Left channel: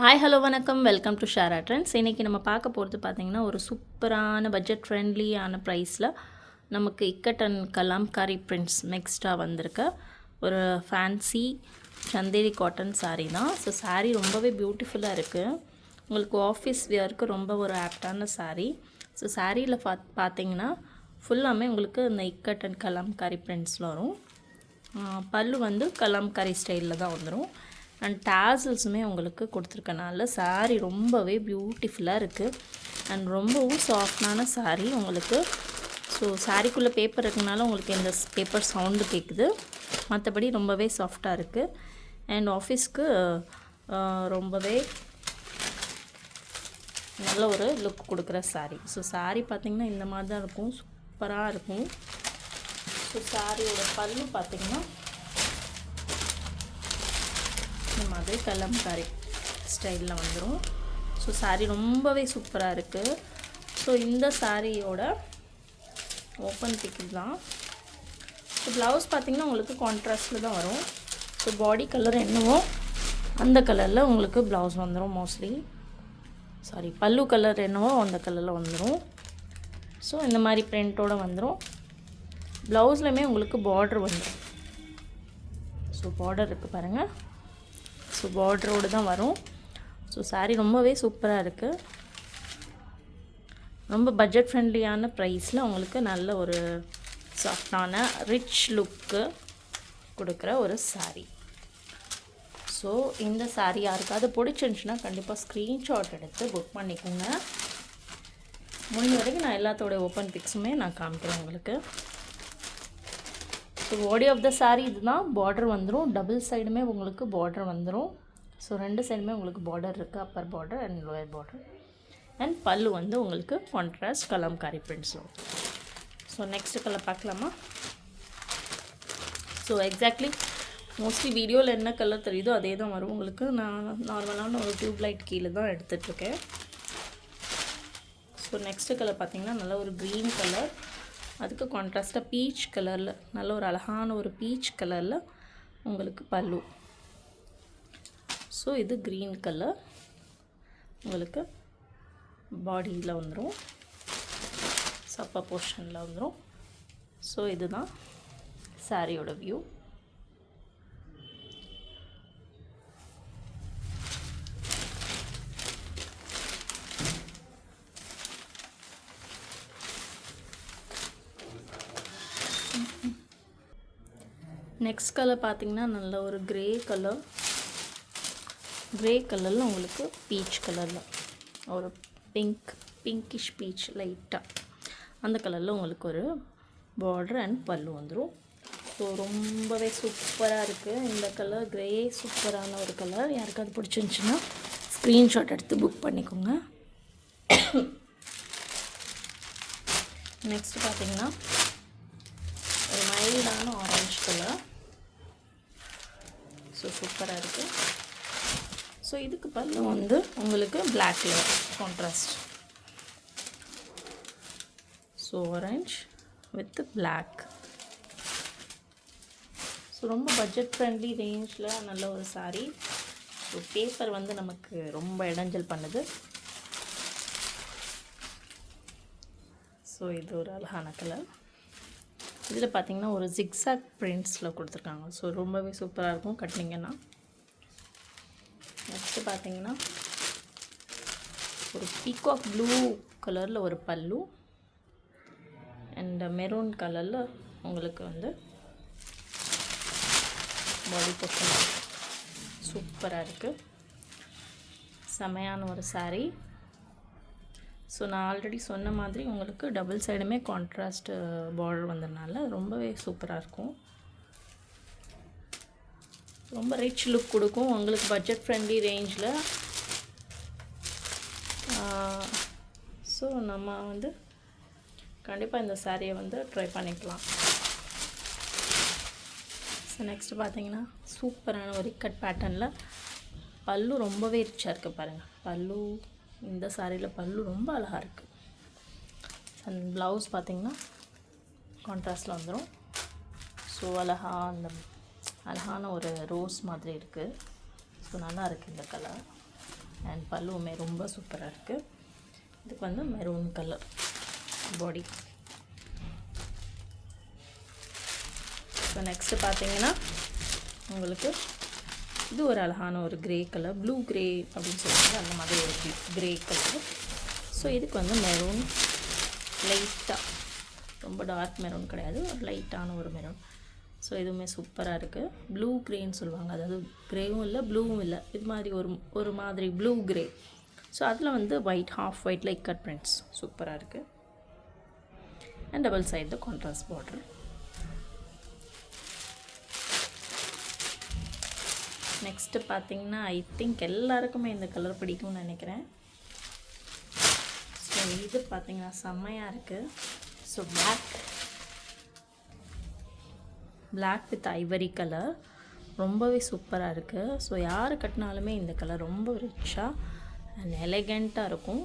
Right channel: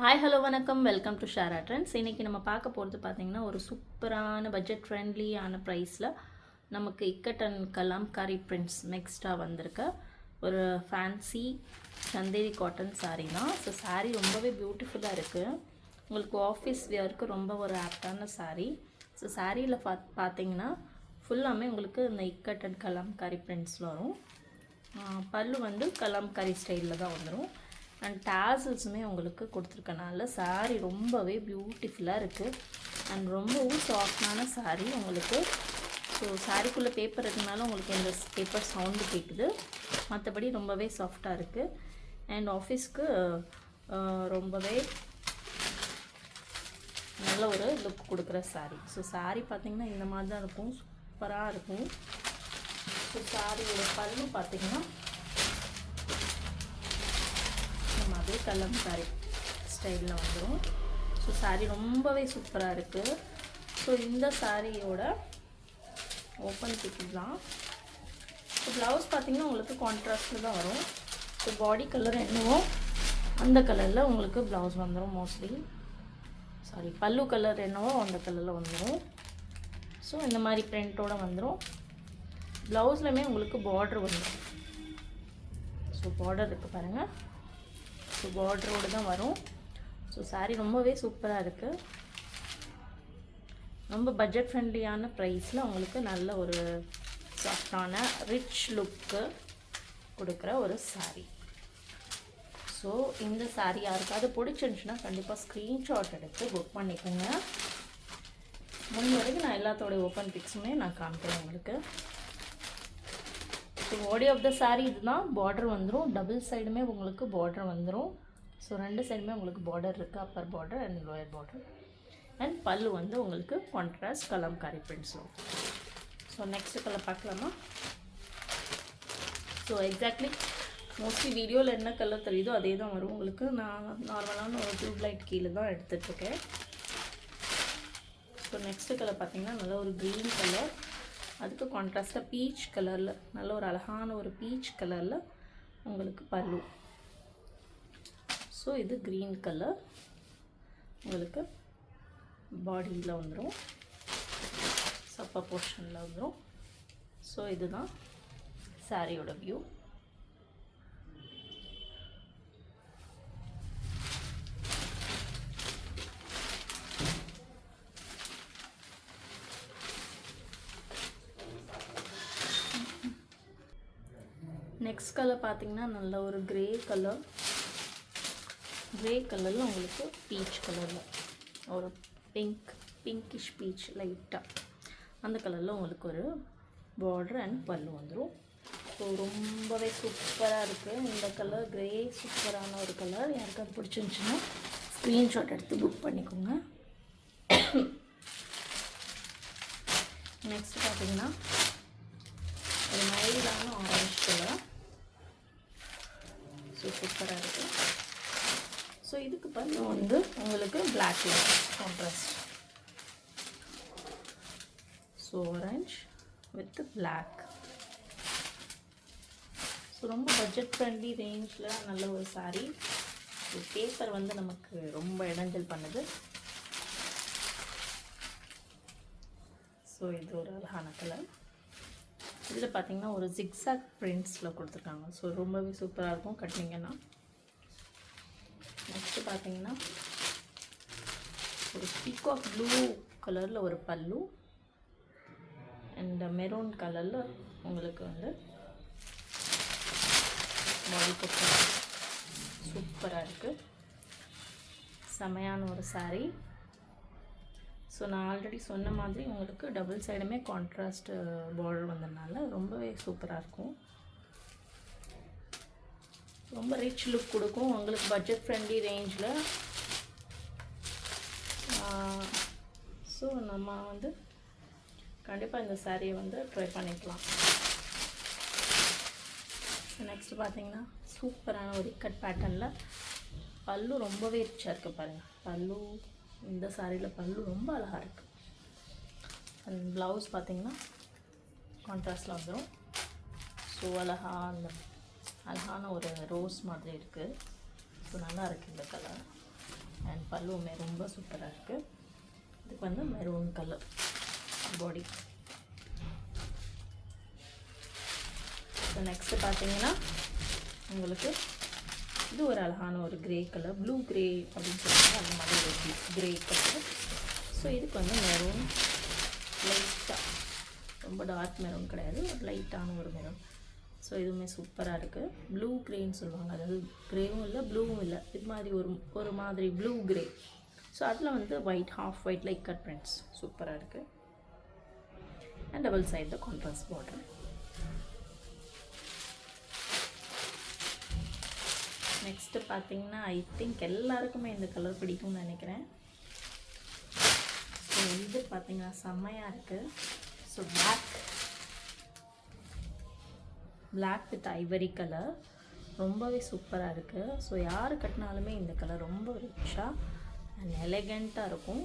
Hi hello வணக்கம், welcome to Shara trends. இன்றைக்கி நம்ம பார்க்க போகிறது பார்த்திங்கன்னா ஒரு சூப்பரான பட்ஜெட் ஃப்ரெண்ட்லியான ப்ரைஸில் நமக்கு இக்கட் அண்ட் கலாம்காரி பிரிண்ட்ஸ் மிக்ஸ்டாக வந்திருக்க ஒரு ஃபேன்சி சந்தேரி காட்டன் சாரீ தான். ஸோ சாரீ ரொம்பவே பியூட்டிஃபுல்லாக இருக்குது. உங்களுக்கு ஆஃபீஸ் வியருக்கு ரொம்ப ஒரு ஆப்டான சாரீ. ஸோ சாரியில் பார்த்தீங்கன்னா ஃபுல்லாமே உங்களுக்கு இந்த இக்கட் அண்ட் கலாம்காரி பிரிண்ட்ஸில் வரும். பல்லு வந்து கலாம்காரி ஸ்டைலில் தான் வந்துடும். அண்ட் டேசல்ஸுமே உங்களுக்கு கொடுத்துருக்கனால சாரீ ரொம்பவே பியூட்டிஃபுல்லாக இருக்குது. அண்ட் ரொம்பவும் சாஃப்டான சாரீ உங்களுக்கு. ஸோ சாரீக்குள்ளே பேப்பர் இருக்கனால உங்களுக்கு இந்த பேப்பர் சவுண்டு கேட்குது. மற்றபடி ரொம்பவே சாஃப்டாக இருக்குது. அண்ட் ஆஃபீஸ்க்கு ரொம்பவே நல்ல ஒரு லுக் கொடுக்குற சாரீ. ஸோ சாரீ பார்த்திங்கன்னா இந்த மாதிரி தான் இருக்கும், சூப்பராக இருக்கும். ஸோ சாரியோட பல்லு பார்த்திங்கன்னா இந்த மாதிரி கலம்காரி ஸ்டைலில் வந்துடும். ஸோ சாரீ ரொம்பவே சூப்பராக இருக்குது. ஸோ இந்த சாரியோட ஓப்பன் பிக் தான். ஸோ ப்ளவுஸ் பார்த்திங்கன்னா உங்களுக்கு கான்ட்ராஸ்டில் தான் வரும். ஸோ பாடி கலர் என்னவோ அந்த கலரில் உங்களுக்கு ப்ளவுஸ் வந்துடும் மோஸ்ட்லி. பல்லு கலர் என்னவோ அந்த கலரில் வந்துடும். ஸோ இந்த மாதிரி பிரிண்ட்டோடு வந்துடும். ப்ளவுஸ்லையுமே உங்களுக்கு பார்டர் வந்துடும். ஸோ பார்டர் இருக்குது பாருங்கள். ஸோ பார்டரோடு தான் வரும். ஸோ சாரீ ரொம்பவே சூப்பராக இருக்குது. ரொம்ப பட்ஜெட் ஃப்ரெண்ட்லியான ப்ரைஸில் உங்களுக்கு நல்ல ஒரு சாஃப்டான ரிச் லுக்கு கொடுக்குற ஒரு சாரீ. ஸோ இந்த சாரீ யாருக்காவது பிடிச்சிருந்துச்சுன்னா கண்டிப்பாக ஸ்க்ரீன்ஷாட் எடுத்து புக் பண்ணிக்கோங்க. முடிஞ்ச வரைக்கும் நான் எல்லாத்தோடைய ஓப்பன் பிக்ஸுமே நான் காமிக்கிறேன் உங்களுக்கு. So body of the sari இதுதான். பார்டர் வந்துடும், டபுள் சைடுமே உங்களுக்கு பார்டர் வந்துடும். ஸோ ரெண்டு சைடுமே உங்களுக்கு பார்டர் இருக்குது, Appar border and lower border. And பல்லு வந்து உங்களுக்கு கான்ட்ராஸ்ட் கலம்காரி பிரிண்ட்ஸ் வரும். ஸோ நெக்ஸ்ட் கலர் பார்க்கலாமா? ஸோ எக்ஸாக்ட்லி மோஸ்ட்லி வீடியோவில் என்ன கலர் தெரியுதோ அதே தான் வரும் உங்களுக்கு. நான் நார்மலான ஒரு டியூப் லைட் கீழே தான் எடுத்துகிட்ருக்கேன். ஸோ நெக்ஸ்ட்டு கலர் பார்த்திங்கன்னா நல்ல ஒரு க்ரீன் கலர், அதுக்கு கான்ட்ராஸ்ட்டாக பீச் கலரில் நல்ல ஒரு அழகான ஒரு பீச் கலரில் உங்களுக்கு பல்லு. ஸோ இது க்ரீன் கலர் உங்களுக்கு பாடியில் வந்துடும், சப்பர் போர்ஷனில் வந்துடும். ஸோ இதுதான் சாரியோட வியூ. நெக்ஸ்ட் கலர் பார்த்திங்கன்னா நல்ல ஒரு க்ரே கலரில் உங்களுக்கு பீச் கலரில் ஒரு பிங்கிஷ் பீச் லைட்டாக அந்த கலரில் உங்களுக்கு ஒரு பார்டர் அண்ட் பல்லு வந்துடும். ஸோ ரொம்பவே சூப்பராக இருக்குது இந்த கலர். க்ரே சூப்பரான ஒரு கலர். யாருக்காவது பிடிச்சிருந்துச்சுன்னா ஸ்க்ரீன்ஷாட் எடுத்து புக் பண்ணிக்கோங்க. நெக்ஸ்ட் பார்த்திங்கன்னா ஒரு மைல்டான ஆரஞ்சு கலர். ஸோ சூப்பராக இருக்குது. ஸோ இதுக்கு பல்லு வந்து உங்களுக்கு black colour contrast. So orange with black. So ரொம்ப பட்ஜெட் ஃப்ரெண்ட்லி ரேஞ்சில் நல்ல ஒரு சாரீ. ஸோ பேப்பர் வந்து நமக்கு ரொம்ப இடைஞ்சல் பண்ணுது. ஸோ இது ஒரு அழகான கலர். இதில் பார்த்திங்கன்னா ஒரு ஜிக்ஸாக் பிரிண்ட்ஸில் கொடுத்துருக்காங்க. ஸோ ரொம்பவே சூப்பராக இருக்கும் கட்டினீங்கன்னா. நெக்ஸ்ட்டு பார்த்திங்கன்னா ஒரு பீகாக் ப்ளூ கலரில் ஒரு பல்லு அண்ட் மெரூன் கலரில் உங்களுக்கு வந்து பாடி போர்ஷன். சூப்பராக இருக்குது, செமையான ஒரு சாரீ. ஸோ நான் ஆல்ரெடி சொன்ன மாதிரி உங்களுக்கு டபுள் சைடுமே கான்ட்ராஸ்ட் பார்டர் வந்ததுனால ரொம்பவே சூப்பராக இருக்கும். ரொம்ப ரிச் லுக் கொடுக்கும் உங்களுக்கு பட்ஜெட் ஃப்ரெண்ட்லி ரேஞ்சில். ஸோ நம்ம வந்து கண்டிப்பாக இந்த சாரியை வந்து ட்ரை பண்ணிக்கலாம். ஸோ நெக்ஸ்ட்டு பார்த்தீங்கன்னா சூப்பரான ஒரு இக்கட் பேட்டர்னில் பல்லு ரொம்பவே ரிச்சாக இருக்குது பாருங்கள். பல்லு இந்த சாரியில் பல்லு ரொம்ப அழகாக இருக்குது. அண்ட் ப்ளவுஸ் பார்த்திங்கன்னா கான்ட்ராஸ்டில் வந்துடும். ஸோ அழகான ஒரு ரோஸ் மாதிரி இருக்குது. ஸோ நல்லா இருக்குது இந்த கலர். பல்லுவுமே ரொம்ப சூப்பராக இருக்குது. இதுக்கு வந்து maroon colour body. So next பார்த்தீங்கன்னா உங்களுக்கு இது ஒரு அழகான ஒரு கிரே கலர், ப்ளூ கிரே அப்படின்னு சொல்லுவாங்க, அந்த மாதிரி ஒரு கிரே கலர். ஸோ இதுக்கு வந்து மெரூன் லைட்டாக, ரொம்ப டார்க் மெரூன் கிடையாது, ஒரு லைட்டான ஒரு மெரூன். ஸோ இதுவுமே சூப்பராக இருக்குது. ப்ளூ கிரேன்னு சொல்லுவாங்க, அதாவது க்ரேவும் இல்லை ப்ளூவும் இல்லை, இது மாதிரி ஒரு மாதிரி ப்ளூ கிரே. ஸோ அதில் வந்து white, half white like cut prints சூப்பராக இருக்குது. And double side the contrast border. Next பார்த்தீங்கன்னா ஐ திங்க் எல்லாருக்குமே இந்த கலர் பிடிக்கும்னு நினைக்கிறேன். ஸோ இது பார்த்தீங்கன்னா செம்மையாக இருக்குது. So black with ivory colour ரொம்பவே சூப்பராக இருக்குது. ஸோ யார் கட்டினாலுமே இந்த கலர் ரொம்ப ரிச்சாக அண்ட் எலகண்ட்டாக இருக்கும்.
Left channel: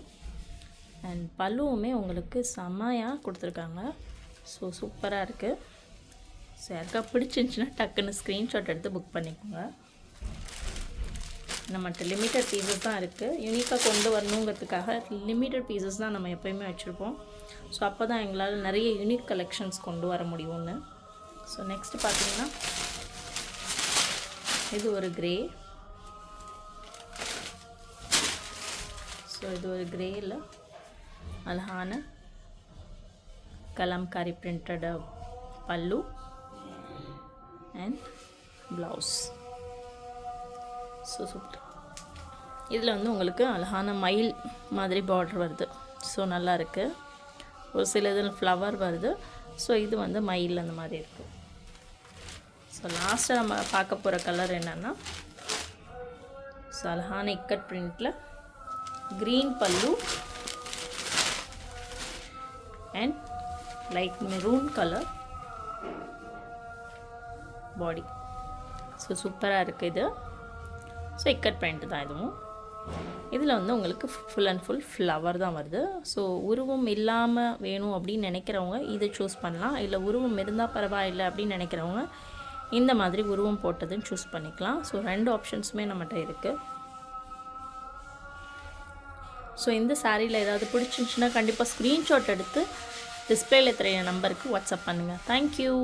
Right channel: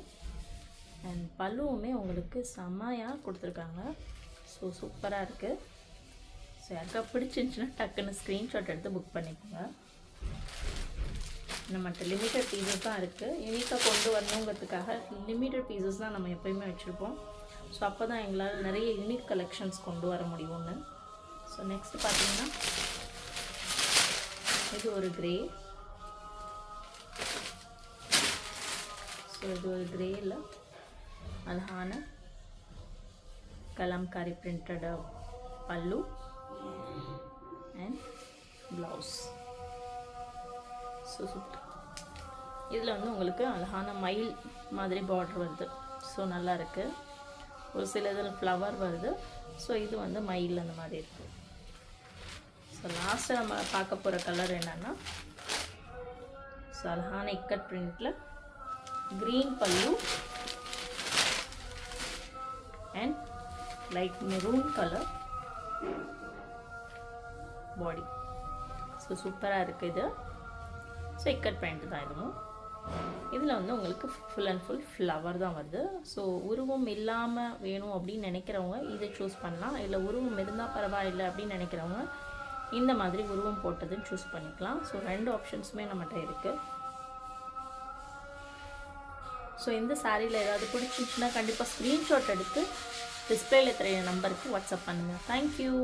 அண்ட் பல்லுவுமே உங்களுக்கு செம்மையாக கொடுத்துருக்காங்க. ஸோ சூப்பராக இருக்குது. ஸோ யாருக்கா பிடிச்சிருந்துச்சுன்னா டக்குன்னு ஸ்க்ரீன்ஷாட் எடுத்து புக் பண்ணிக்கோங்க. நம்மகிட்ட லிமிட்டட் பீசஸ் தான் இருக்குது. யூனிக்காக கொண்டு வரணுங்கிறதுக்காக லிமிட்டட் பீசஸ் தான் நம்ம எப்போயுமே வச்சுருப்போம். ஸோ அப்போ தான் எங்களால் நிறைய யூனிக் கலெக்ஷன்ஸ் கொண்டு வர முடியும்னு. ஸோ நெக்ஸ்ட்டு பார்த்தீங்கன்னா இது ஒரு கிரே. ஸோ இது ஒரு கிரேயில் அழகான கலம்காரி பிரிண்டட் பல்லு அண்ட் ப்ளவுஸ். So super. இதில் வந்து உங்களுக்கு அழகான மயில் மாதிரி பார்டர் வருது. ஸோ நல்லா இருக்குது. ஒரு சில இதில் ஃப்ளவர் வருது. ஸோ இது வந்து மயில் அந்த மாதிரி இருக்குது. ஸோ லாஸ்ட்டாக நம்ம பார்க்க போகிற கலர் என்னென்னா, ஸோ அழகான இக்கட் பிரிண்டில் க்ரீன் பல்லு and light maroon colour body. So சூப்பராக இருக்குது இது. ஸோ இக்கட் பிரிண்ட் தான் இதுவும். இதில் வந்து உங்களுக்கு ஃபுல் அண்ட் ஃபுல் ஃப்ளவர் தான் வருது. ஸோ உருவம் இல்லாமல் வேணும் அப்படின்னு நினைக்கிறவங்க இதை சூஸ் பண்ணலாம். இல்லை உருவம் இருந்தால் பரவாயில்லை அப்படின்னு நினைக்கிறவங்க இந்த மாதிரி உருவம் போட்டதுன்னு சூஸ் பண்ணிக்கலாம். ஸோ 2 ஆப்ஷன்ஸுமே நம்மகிட்ட இருக்குது. ஸோ இந்த சாரியில் ஏதாவது பிடிச்சிருந்துச்சுன்னா கண்டிப்பாக ஸ்க்ரீன்ஷாட் எடுத்து டிஸ்பிளேல தெரிய நம்பருக்கு வாட்ஸ்அப் பண்ணுங்கள். தேங்க்யூ.